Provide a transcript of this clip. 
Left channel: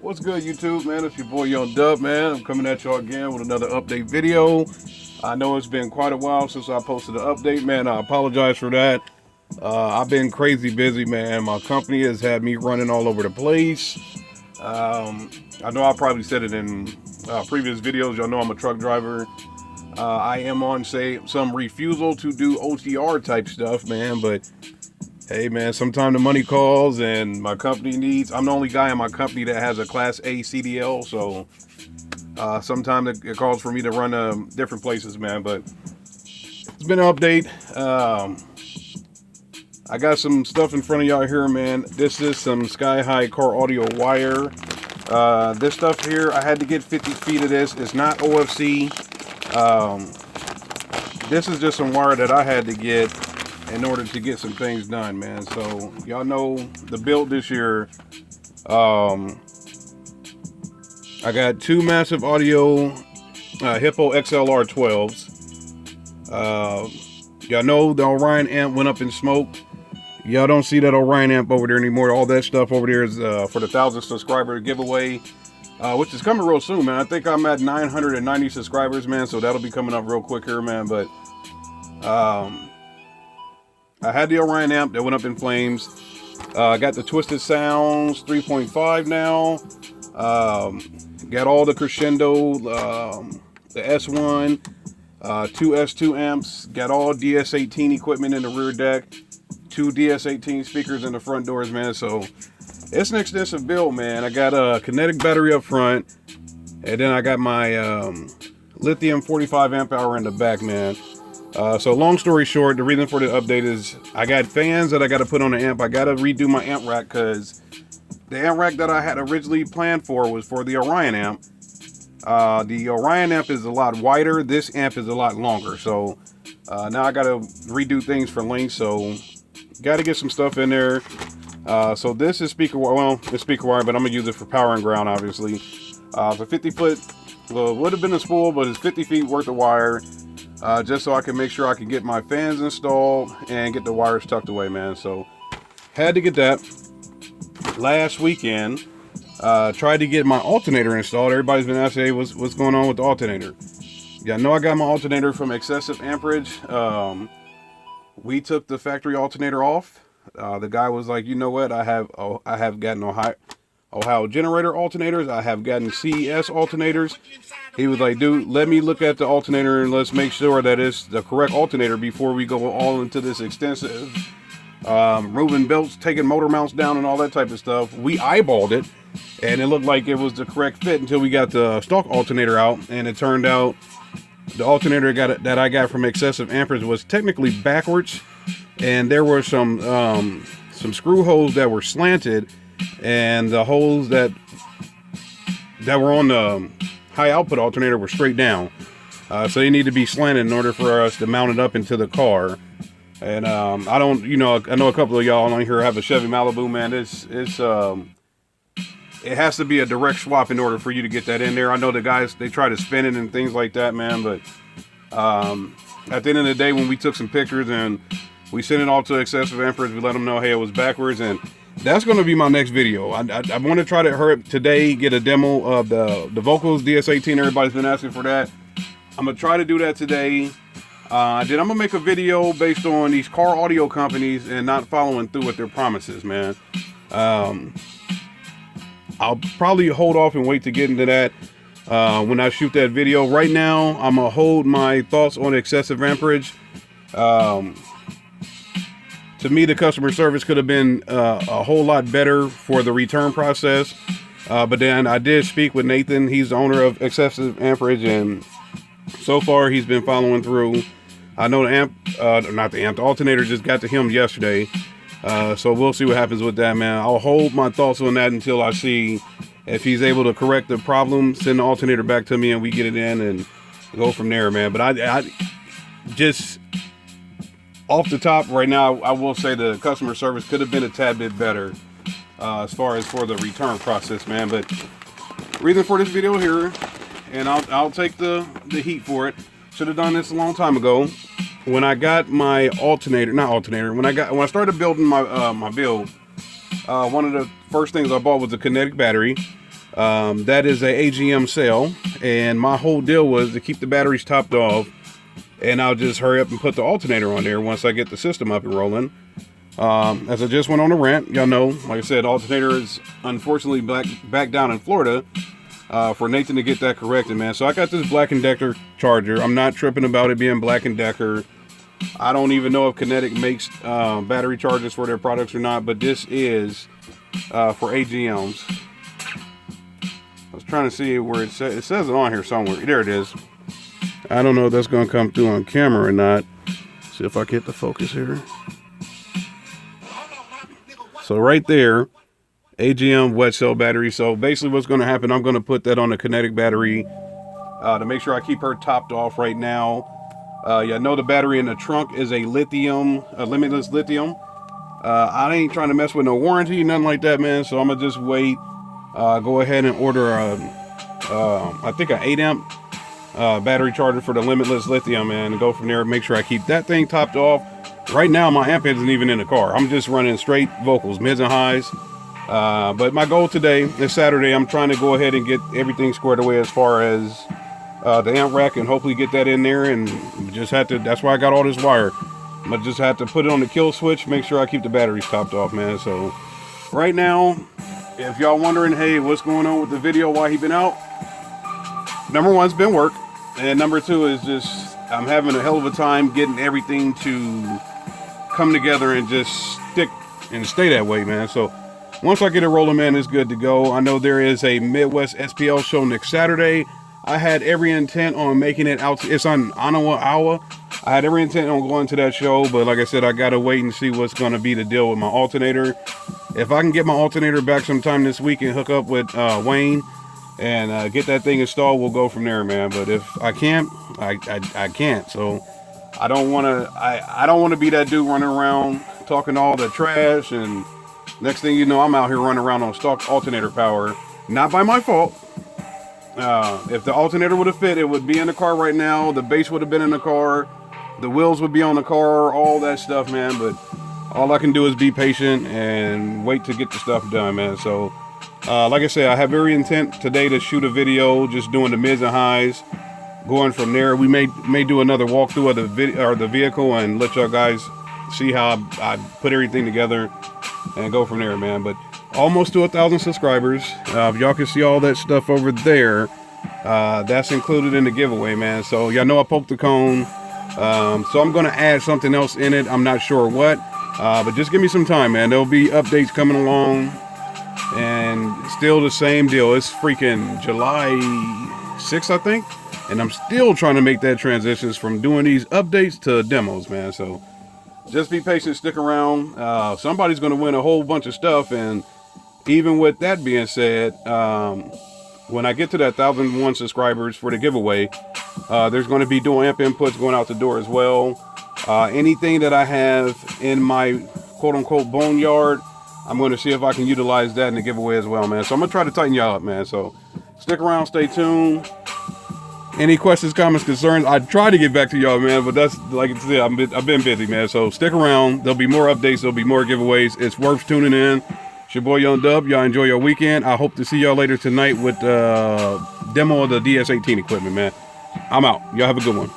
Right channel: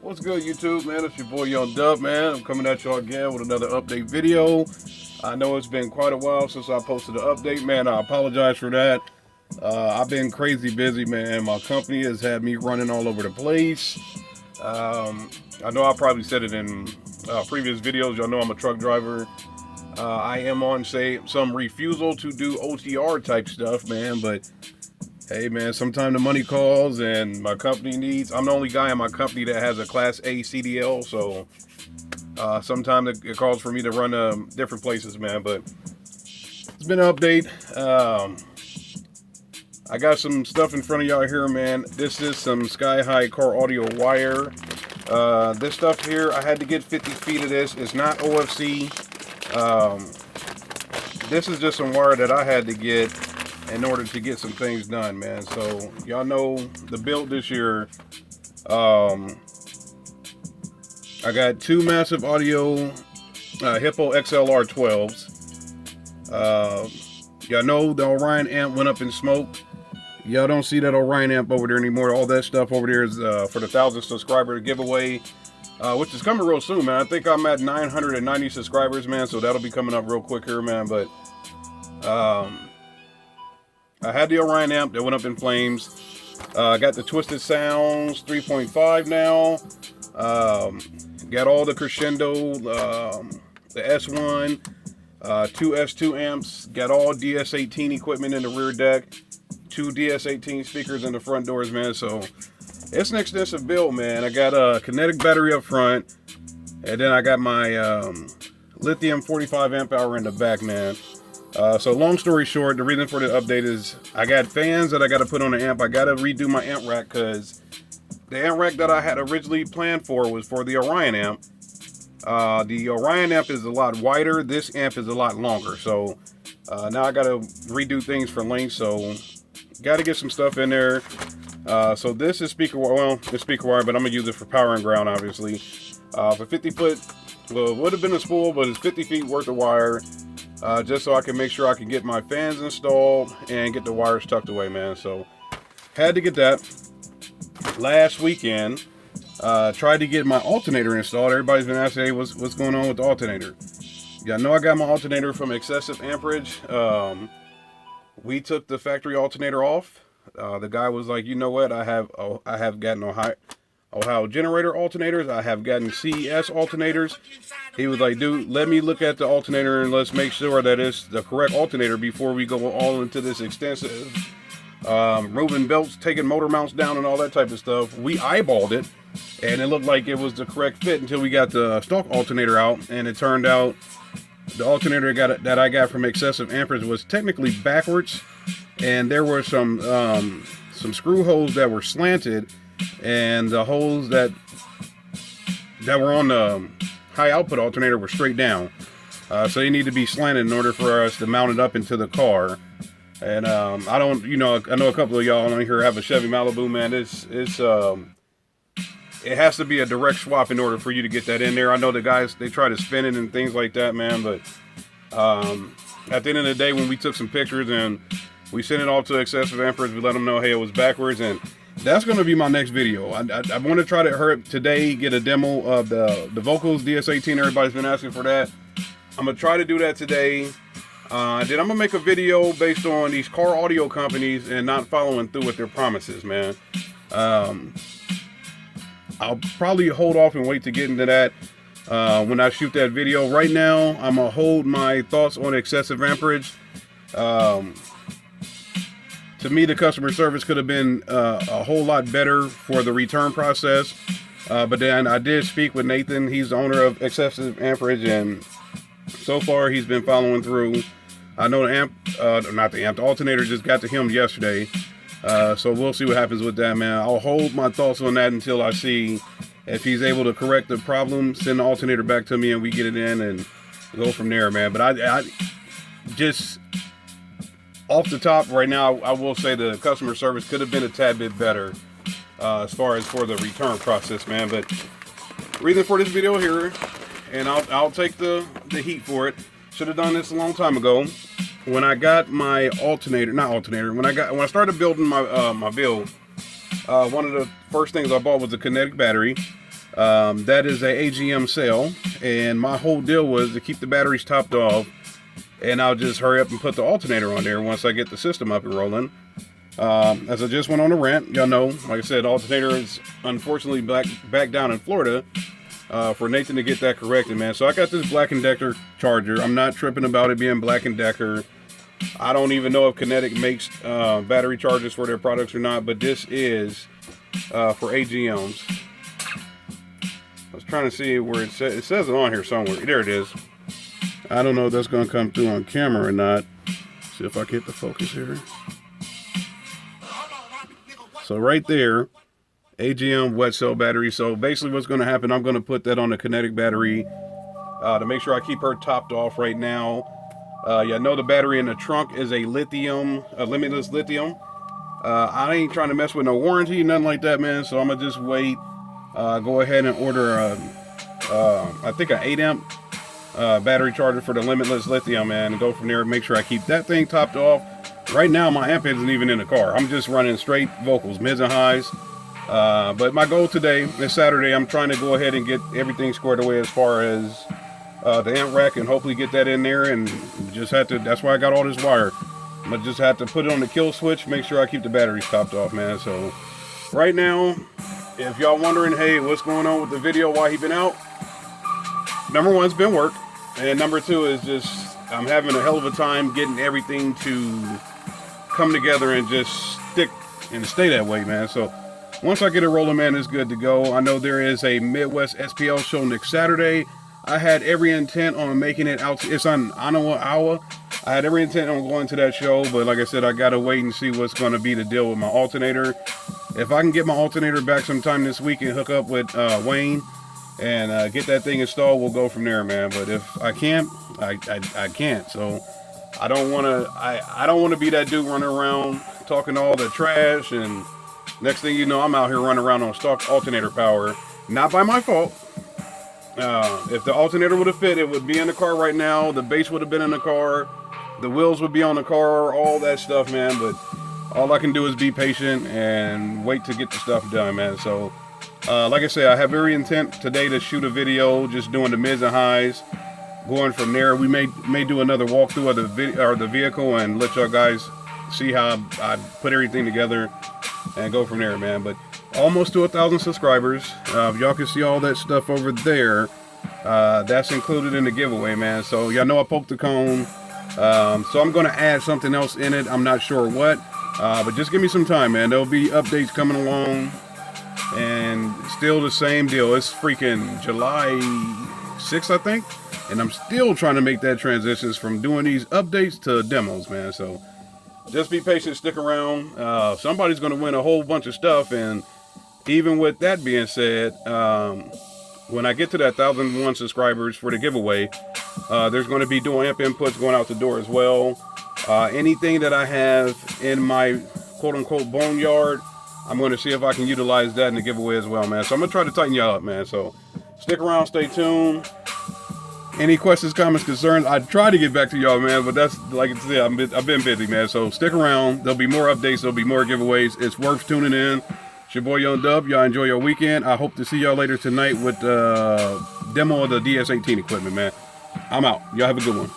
What's good, YouTube, man? It's your boy Young Dub, man. I'm coming at y'all again with another update video. I know it's been quite a while since I posted an update, man. I apologize for that. I've been crazy busy, man. My company has had me running all over the place. I know I probably said it in previous videos. Y'all know I'm a truck driver. I am on, say, some refusal to do OTR type stuff, man, but hey man, sometimes the money calls and my company needs. I'm the only guy in my company that has a Class A CDL, so sometimes it calls for me to run different places, man. But it's been an update. I got some stuff in front of y'all here, man. This is some Sky High car audio wire. This stuff here, I had to get 50 feet of this. It's not OFC. This is just some wire that I had to get in order to get some things done, man. So y'all know the build this year. I got two massive audio Hippo XLR 12s. Y'all know the Orion amp went up in smoke. Y'all don't see that Orion amp over there anymore. All that stuff over there is for the 1,000 subscriber giveaway, which is coming real soon, man. I think I'm at 990 subscribers, man. So that'll be coming up real quick here, man. But I had the Orion amp that went up in flames. I got the Twisted Sounds 3.5 now. Got all the Crescendo, the S1, two S2 amps. Got all DS18 equipment in the rear deck. Two DS18 speakers in the front doors, man. So it's an extensive build, man. I got a kinetic battery up front. And then I got my lithium 45 amp hour in the back, man. So long story short, the reason for the update is I got fans that I got to put on the amp. I got to redo my amp rack because the amp rack that I had originally planned for was for the Orion amp. The Orion amp is a lot wider. This amp is a lot longer. So now I got to redo things for length. So got to get some stuff in there. So this is speaker wire. Well, it's speaker wire, but I'm going to use it for power and ground, obviously. So 50 foot, well, it would have been a spool, but it's 50 feet worth of wire. Just so I can make sure I can get my fans installed and get the wires tucked away, man. So had to get that. Last weekend, tried to get my alternator installed. Everybody's been asking, hey, what's going on with the alternator? Yeah, I know I got my alternator from excessive amperage. We took the factory alternator off. The guy was like, you know what? I have gotten Ohio generator alternators. I have gotten CES alternators. He was like, dude, let me look at the alternator and let's make sure that it's the correct alternator before we go all into this extensive removing belts, taking motor mounts down and all that type of stuff. We eyeballed it and it looked like it was the correct fit until we got the stock alternator out, and it turned out the alternator that I got from excessive amperage was technically backwards, and there were some screw holes that were slanted, and the holes that were on the high output alternator were straight down. So they need to be slanted in order for us to mount it up into the car. And I don't, I know a couple of y'all on here have a Chevy Malibu, man. It has to be a direct swap in order for you to get that in there. I know the guys, they try to spin it and things like that, man. But at the end of the day, when we took some pictures and we sent it all to excessive amperage, we let them know, hey, it was backwards. And that's going to be my next video. I want to try to hurry today, get a demo of the vocals DS18. Everybody's been asking for that. I'm going to try to do that today. Then I'm going to make a video based on these car audio companies and not following through with their promises, man. I'll probably hold off and wait to get into that when I shoot that video. Right now, I'm going to hold my thoughts on excessive amperage. To me, the customer service could have been a whole lot better for the return process. But then I did speak with Nathan. He's the owner of excessive amperage, and so far he's been following through. I know the alternator just got to him yesterday. So we'll see what happens with that, man. I'll hold my thoughts on that until I see if he's able to correct the problem, send the alternator back to me, and we get it in and go from there, man. But I just off the top right now, I will say the customer service could have been a tad bit better as far as for the return process, man. But reason for this video here, and I'll take the heat for it. Should have done this a long time ago. When I got my when I started building my my build, one of the first things I bought was a kinetic battery. That is a AGM sale, and my whole deal was to keep the batteries topped off, and I'll just hurry up and put the alternator on there once I get the system up and rolling. As I just went on a rant, y'all know, like I said, alternator is unfortunately back down in Florida for Nathan to get that corrected, man. So I got this Black & Decker charger. I'm not tripping about it being Black & Decker. I don't even know if Kinetic makes battery chargers for their products or not, but this is for AGMs. I was trying to see where it says it on here somewhere. There it is. I don't know if that's going to come through on camera or not. See if I can hit the focus here. So right there, AGM wet cell battery. So basically what's going to happen, I'm going to put that on the Kinetic battery to make sure I keep her topped off right now. Yeah, I know the battery in the trunk is a lithium, a limitless lithium. I ain't trying to mess with no warranty, nothing like that, man. So I'm going to just wait. Go ahead and order I think an 8 amp battery charger for the limitless lithium, man, and go from there. Make sure I keep that thing topped off. Right now my amp isn't even in the car. I'm just running straight vocals, mids and highs. But my goal today is Saturday. I'm trying to go ahead and get everything squared away as far as the amp rack, and hopefully get that in there. And just had to, that's why I got all this wire. I just have to put it on the kill switch, make sure I keep the batteries topped off, man. So right now, if y'all wondering, hey, what's going on with the video, why he been out? Number one's been work, and number two is just I'm having a hell of a time getting everything to come together and just stick and stay that way, man. So once I get it rolling, man, it's good to go. I know there is a Midwest SPL show next Saturday. I had every intent on making it out. It's on Iowa. I had every intent on going to that show, but like I said, I gotta wait and see what's gonna be the deal with my alternator. If I can get my alternator back sometime this week and hook up with Wayne and get that thing installed, we'll go from there, man. But if I can't, I can't. So I don't wanna be that dude running around talking all the trash, and next thing you know, I'm out here running around on stock alternator power. Not by my fault. If the alternator would have fit, it would be in the car right now. The base would have been in the car. The wheels would be on the car, all that stuff, man. But all I can do is be patient and wait to get the stuff done, man. So, like I said, I have every intent today to shoot a video, just doing the mids and highs. Going from there, we may do another walkthrough of the vehicle and let y'all guys see how I put everything together and go from there, man. But almost to 1,000 subscribers. Y'all can see all that stuff over there. That's included in the giveaway, man. So y'all know I poked the cone. So I'm going to add something else in it. I'm not sure what, but just give me some time, man. There'll be updates coming along, and still the same deal. It's freaking July 6th, I think, and I'm still trying to make that transitions from doing these updates to demos, man. So just be patient, stick around. Somebody's going to win a whole bunch of stuff, and even with that being said, when I get to that 1,001 subscribers for the giveaway, there's going to be dual amp inputs going out the door as well. Anything that I have in my quote-unquote boneyard, I'm going to see if I can utilize that in the giveaway as well, man. So I'm going to try to tighten y'all up, man. So stick around, stay tuned. Any questions, comments, concerns, I try to get back to y'all, man, but that's, like I said, I've been busy, man. So stick around. There'll be more updates. There'll be more giveaways. It's worth tuning in. It's your boy Young Dub. Y'all enjoy your weekend. I hope to see y'all later tonight with demo of the DS18 equipment, man. I'm out. Y'all have a good one.